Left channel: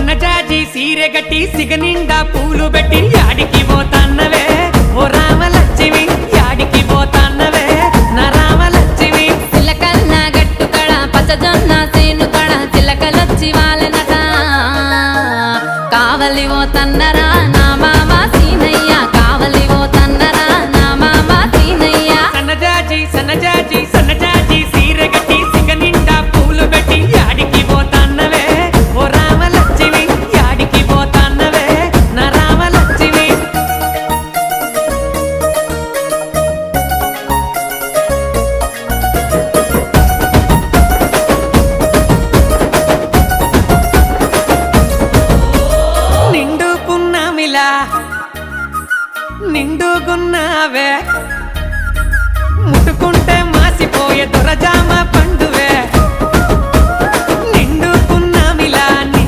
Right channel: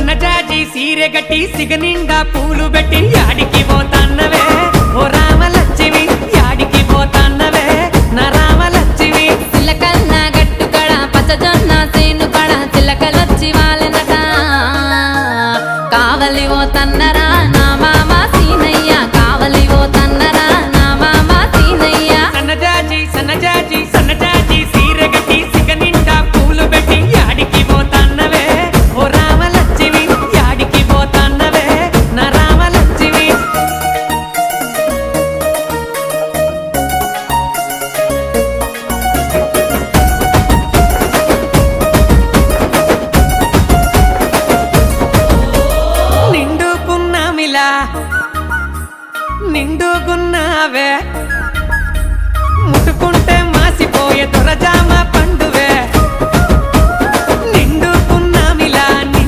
సన్నజాజి సీరె గట్టి సిగనిండా పూలు పెట్టి యాడికి పోతాన్నవే ఓ రామలక్ష్మి యాడికి పోతాన్నవే నా రామలక్ష్మి చిలకల్ల గట్టు కడ పచ్చజొన్న సేను కడ చిలకలొచ్చి వాలెనట కావలి ఓ తన్నరా నా మామ సీనయ్య కావలి ఓ తన్నరా నా మామ సీనయ్య సన్నజాజి సీరె గట్టి సిగనిండా పూలు పెట్టి యాడికి పోతాన్నవే ఓ రామలక్ష్మి యాడికి పోతాన్నవే నా రామలక్ష్మి నిండుకున్నావే ముట్టుకుంటే మాసిపోయే దొరజామ